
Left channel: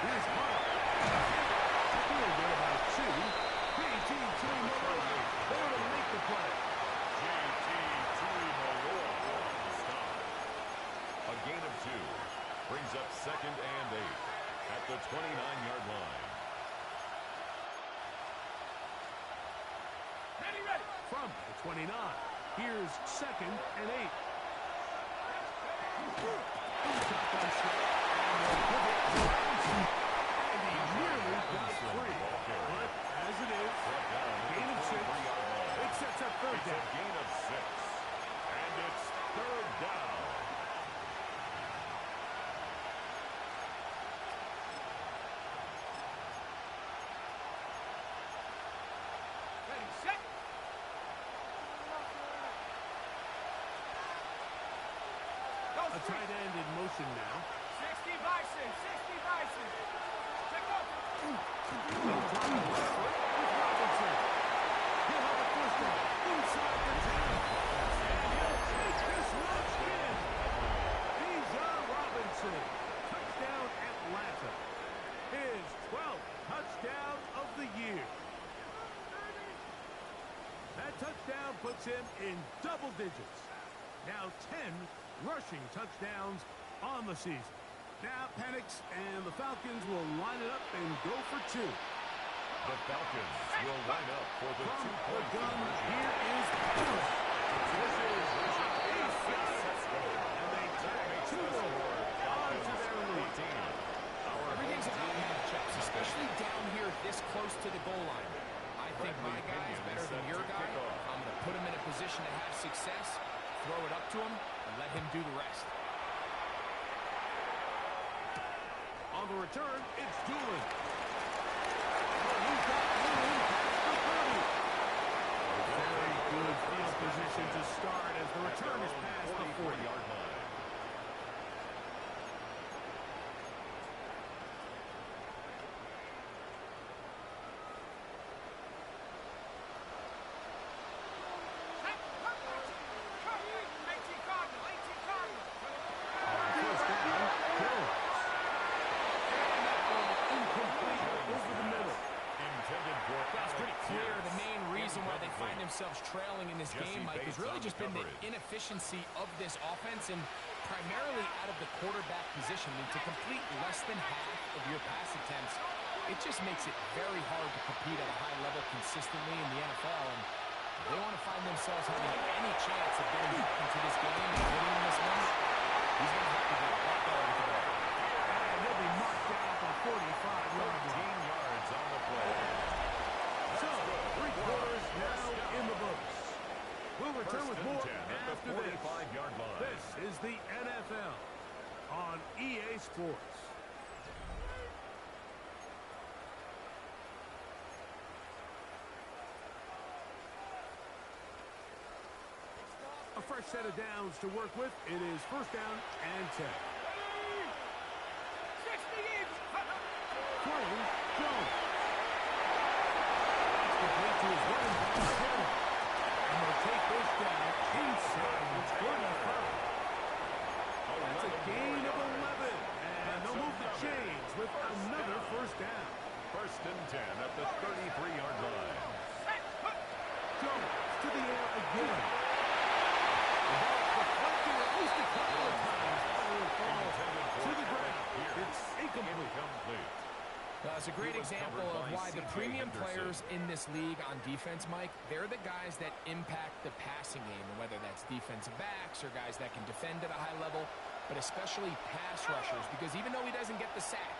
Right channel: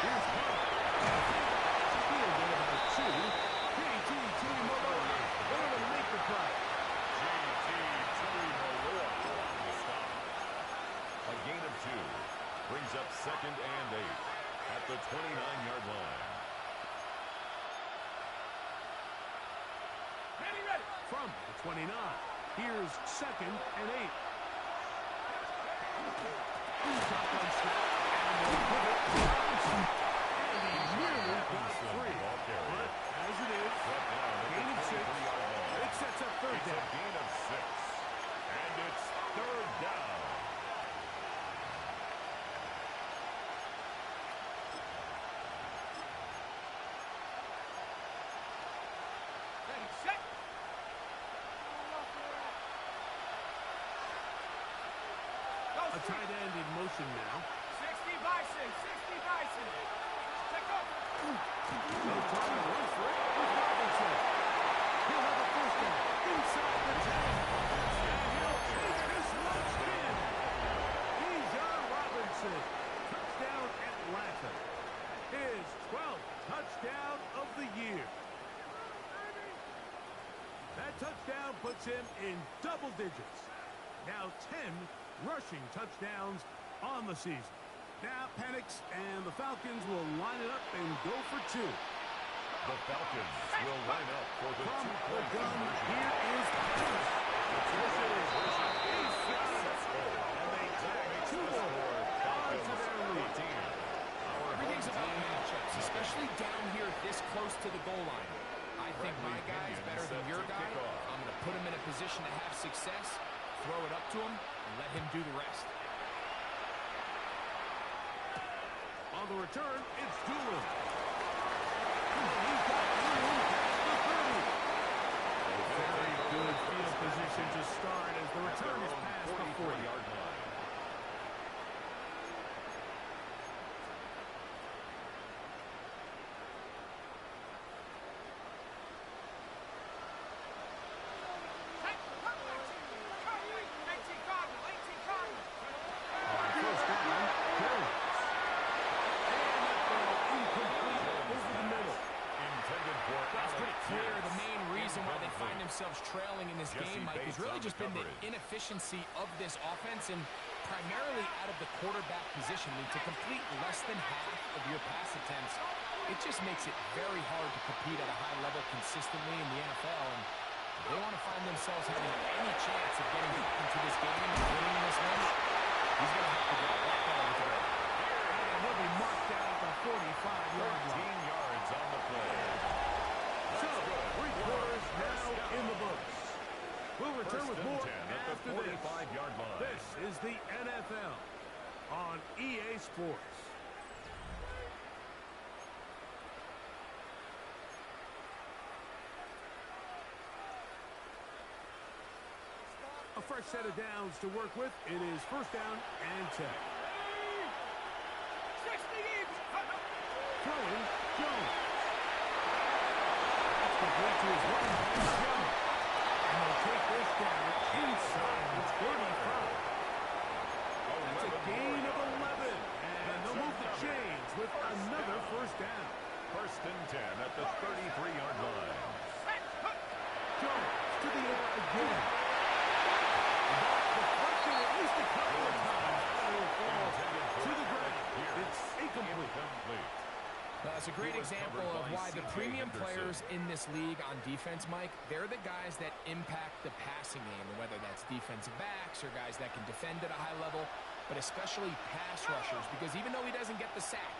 Here's Hunt. Feel good about 2. P.T. Tuimoloau there to make the play. J.T. Tuimoloau on the stop. A gain of 2 brings up 2nd and 8 at the 29-yard line. Ready, ready. From the 29, here's 2nd and 8. Shotgun snap, and they'll give it to Robinson. And he nearly got free. Ball carrier. But as it is, Brought down at gain the of 6. 23-yard line. It sets up 3rd It's a down. gain of 6. And it's 3rd down. Ready, set. Go, A tight end in motion now. 60 Bison, 60 Bison. Check up. They'll try to rush for it with Robinson. He'll have a 1st down inside the 10. And he'll take this one in. Bijan Robinson. Touchdown Atlanta. His 12th touchdown of the year. That touchdown puts him in double digits. Now 10 rushing touchdowns on the season. now panics, and the Falcons will line it up and go for two. The Falcons will line up for the From two-point the gun, conversion. here is Thomas. This is successful, and they tag two more onto their lead. Everything's about matchups, especially down here this close to the goal line. I think my guy is better than your guy. I'm going to put him in a position to have success, throw it up to him, and let him do the rest. On the return, it's Doolin. Oh, he's got room past the 30. Very good field position to start as the return is past the 40-yard line. Themselves trailing in this game, Mike, has really just been the inefficiency of this offense and primarily out of the quarterback position. I mean, to complete less than half of your pass attempts, it just makes it very hard to compete at a high level consistently in the NFL. And if they want to find themselves having any chance of getting into this game and winning this one, he's going to have to get a lot better with the ball. And he'll be marked down at the 45-yard line. 13 yards on the play. So, 3 quarters now in the books. We'll return with more after this. This is the NFL on EA Sports. A fresh set of downs to work with. It is first down and 10. Throwing, Jones. Complete to his running back, Hill. And they'll take this down inside the 35. That's a gain of 11. And they'll move the chains with another first down. First and 10 at the 33-yard line. Jones to the air again. The ball deflected at least a couple of times, but it will fall to the ground. It's incomplete. It's a great example of why the premium players in this league on defense, Mike, they're the guys that impact the passing game, and whether that's defensive backs or guys that can defend at a high level, but especially pass rushers, because even though he doesn't get the sack,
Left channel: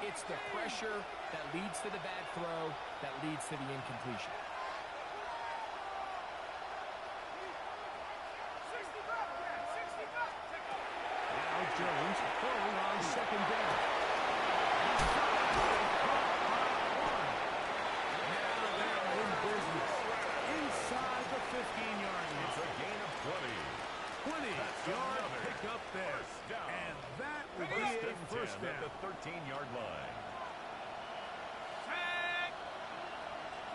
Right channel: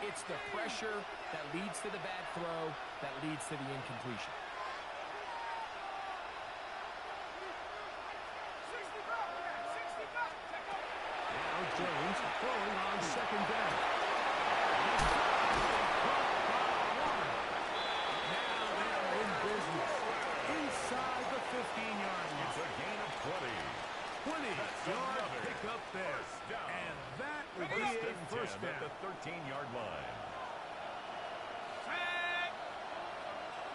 it's the pressure that leads to the bad throw, that leads to the incompletion. Now Jones throwing on second down. Inside the 15-yard line. It's a gain of 20. 20-yard pickup there. And that will be a first down. At the 13-yard line. Set.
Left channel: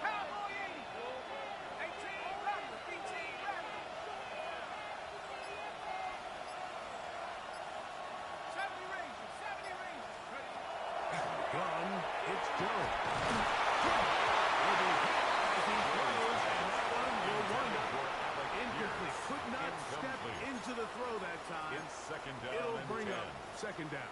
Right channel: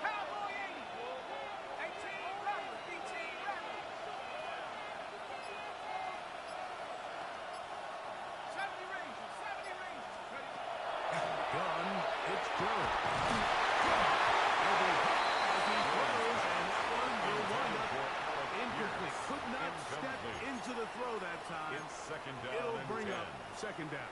Cowboy 80. 18 runner. 18 runner. 70 Rangers. 70 Rangers. Gun. It's Jones. Will be hit as he throws, and that one will wind up incomplete. Could not step into the throw that time. It's second down. It'll bring up second down.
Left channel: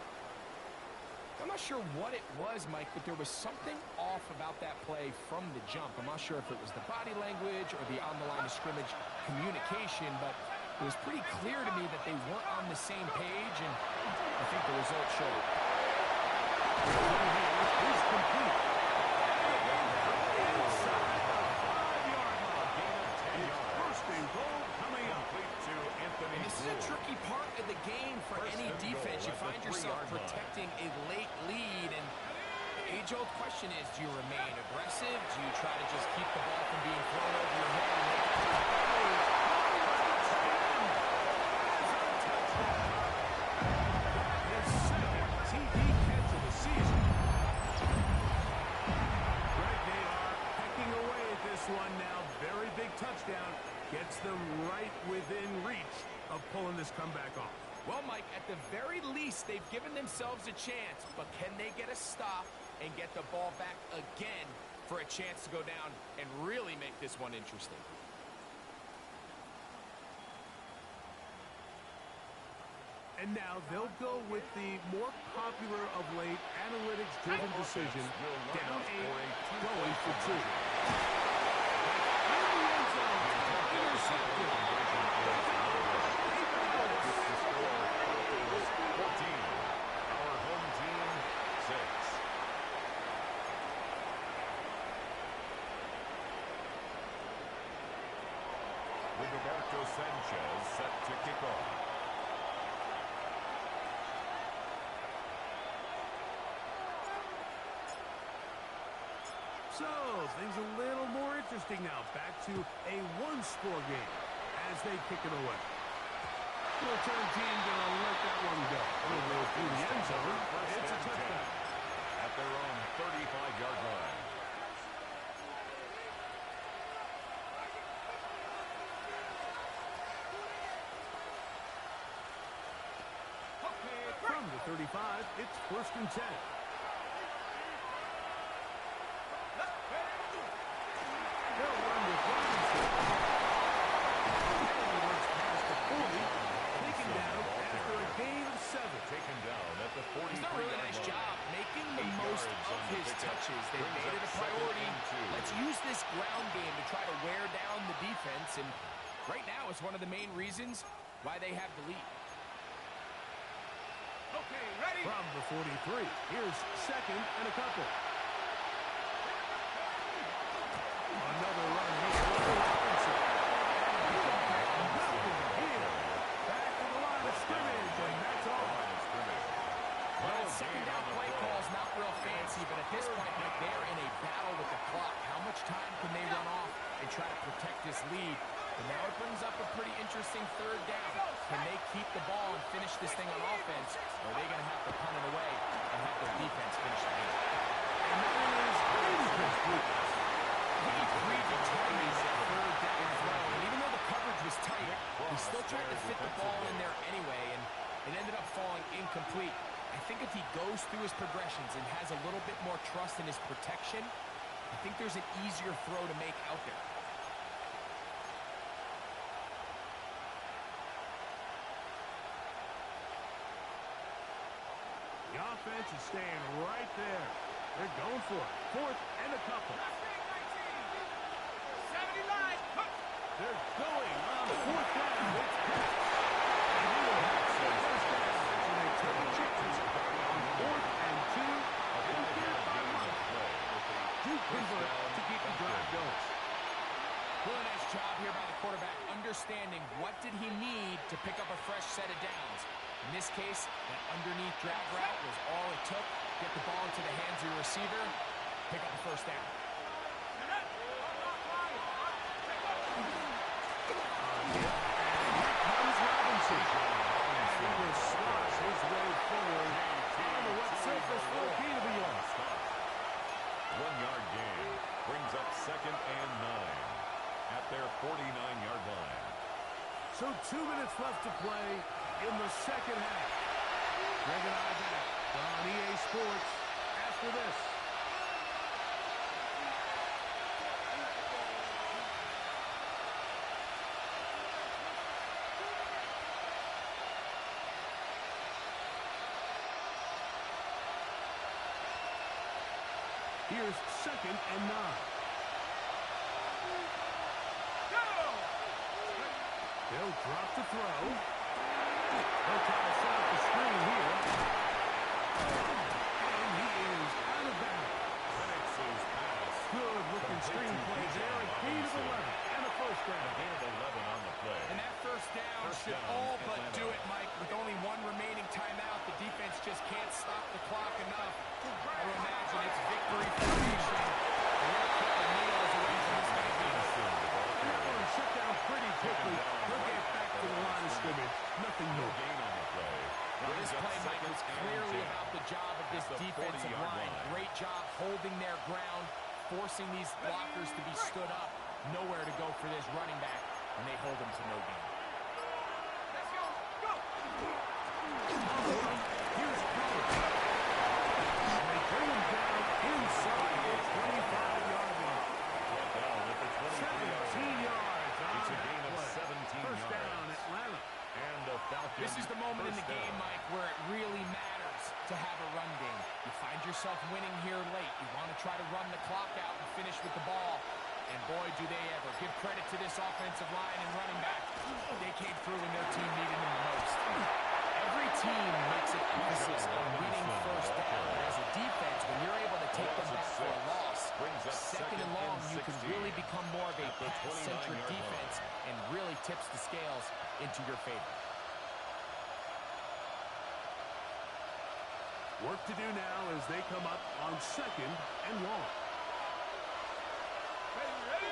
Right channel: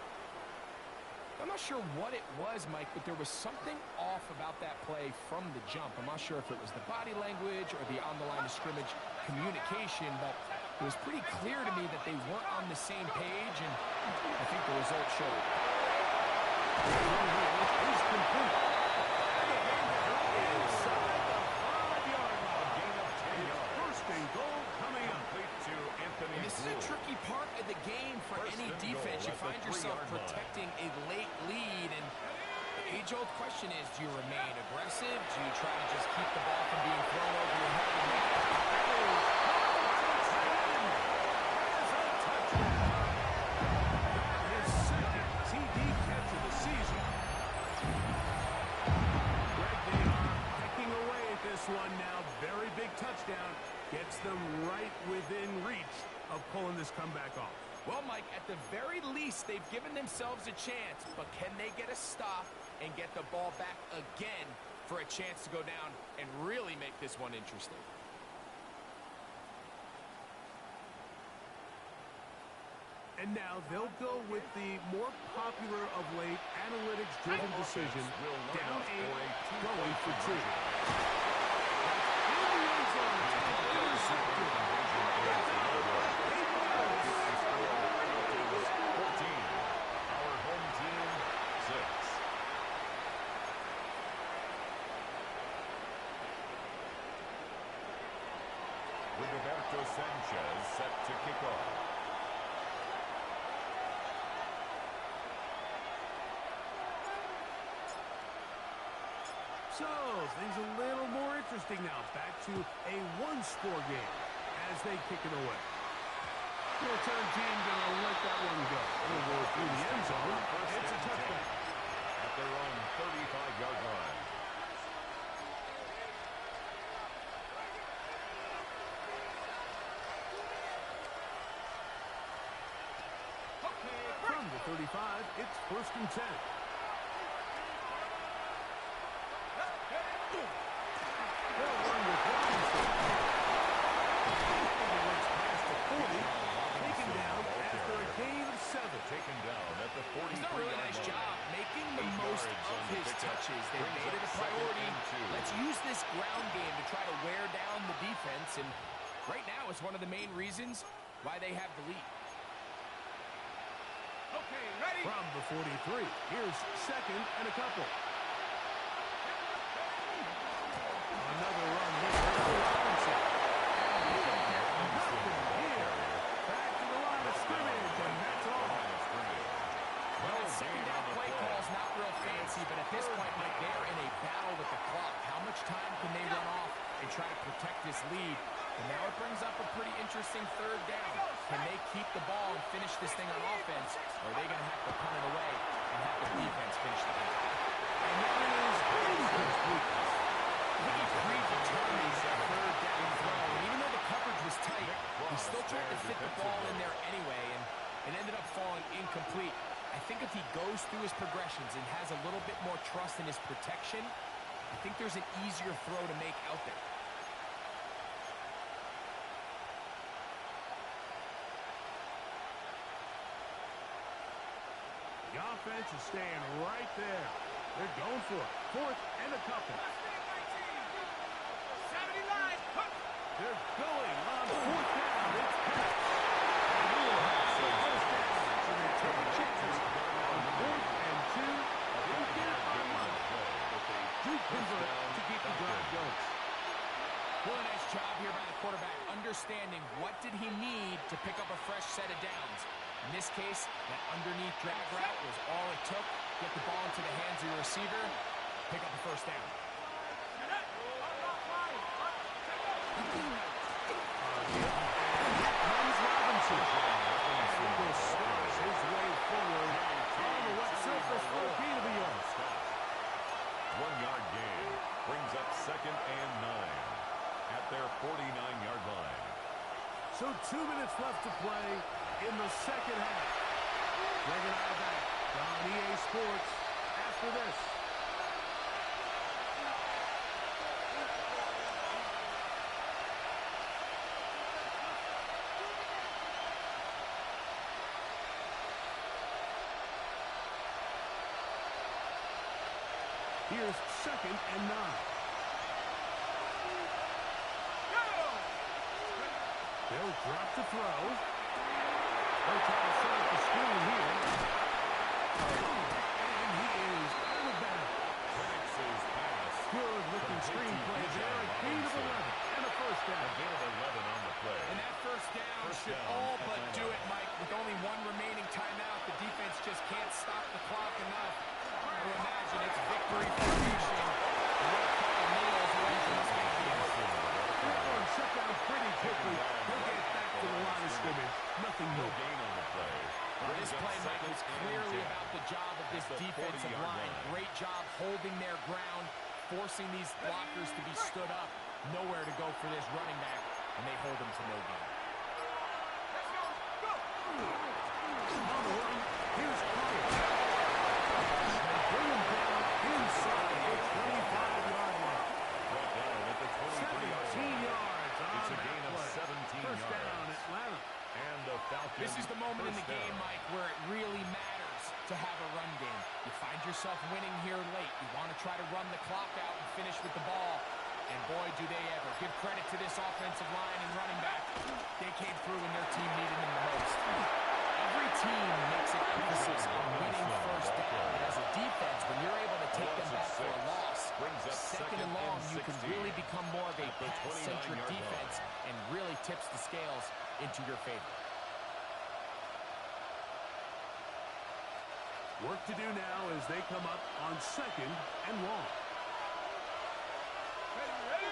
I'm not sure what it was, Mike, but there was something off about that play from the jump. I'm not sure if it was the body language or the on-the-line of scrimmage communication, but it was pretty clear to me that they weren't on the same page, and I think the result showed. Is complete. Inside the 5-yard line. A gain of 10 yards. First and goal coming up. Complete to Anthony. And this is a tricky part of the game for any defense. You find yourself protecting a late lead, and the age-old question is, do you remain aggressive? Do you try to just keep the ball from being thrown over your head and make it? His second TD catch of the season. Greg Nahar pecking away at this one now. Very big touchdown. Gets them right within reach of pulling this comeback off. Well, Mike, at the very least, they've given themselves a chance, but can they get a stop and get the ball back again for a chance to go down and really make this one interesting? And now they'll go with the more popular of late analytics-driven decision. Down 8, going for 2. In the end zone, intercepted. 14. Our home team, 6. Roberto Sanchez set to kick off. So, things a little more interesting now. Back to a one-score game as they kick it away. The return team going to let that one go. It'll roll through the end zone. It's a touchdown. At their own 35-yard line. From the 35, it's 1st and 10. They'll run with Robinson. And he looks past the 40. Taken down after a gain of 7. Taken down at the 40. He's done a really nice job making the most of his touches. They've made it a priority. Let's use this ground game to try to wear down the defense. And right now, it's one of the main reasons why they have the lead. Okay, ready? From the 43, here's 2nd and a couple. Another run here for Robinson. Nothing here. Back to the line of scrimmage, and that's all. Well, that second down play call's not real fancy, but at this point, Mike, they're in a battle with the clock. How much time can they run off and try to protect this lead? And now it brings up a pretty interesting 3rd down. Can they keep the ball and finish this thing on offense, or are they going to have to punt it away and have their defense finish the game? And that is incomplete. I think he predetermined that 3rd down throw, and even though the coverage was tight, he still tried to fit the ball in there anyway, and it ended up falling incomplete. I think if he goes through his progressions and has a little bit more trust in his protection, I think there's an easier throw to make out there. The offense is staying right there. They're going for it. 4th and a couple. 70 line. They're going on 4th down. It's Pitts. And he will have some 1st down. So they take a chance on 4th and 2. Didn't get it by much, but they do convert to keep the drive going. Really nice job here by the quarterback, understanding what did he need to pick up a fresh set of downs. In this case, that underneath drag route was all it took. Get the ball into the hands of your receiver, pick up a 1st down. And here comes Robinson. And he will slosh his way forward on the wet surface for a gain of a yard. 1-yard gain brings up 2nd and 9 at their 49-yard line. So 2 minutes left to play in the 2nd half. Greg and I back on EA Sports after this. Here's 2nd and 9. They'll drop the throw. They'll try to set up the screen here. And he is out of bounds. Penix's pass. Good-looking screen play there. A gain of 11 and a 1st down. A gain of 11 on the play. And that 1st down should all but do it, Mike. With only 1 remaining timeout, the defense just can't stop the clock enough. I would imagine it's victory formation. We're a couple kneels away from this game being over. That one shut down pretty quickly. He'll get back to the line of scrimmage. Nothing No new. gain on the play. Well, this play, Mike, was clearly about the job of this defensive line. Great job holding their ground, forcing these blockers to be stood up. Nowhere to go for this running back, and they hold him to no gain. Let's go. Go. On the run, here's Collins. They bring him down inside the 25-yard line. Brought down at the 23-yard 17 line. yards on It's a that gain of play. 17 First yards. down, Atlanta. And the Falcons This is the moment in the game, Mike, where it really matters to have a run game. You find yourself winning here late. You want to try to run the clock out and finish with the ball. And boy, do they ever. Give credit to this offensive line and running back. They came through when their team needed them the most. Every team makes an emphasis on winning first down. But as a defense, when you're able to take them back for a loss, second and long, you can really become more of a pass-centric defense and really tips the scales into your favor. Work to do now as they come up on 2nd and long. Ready?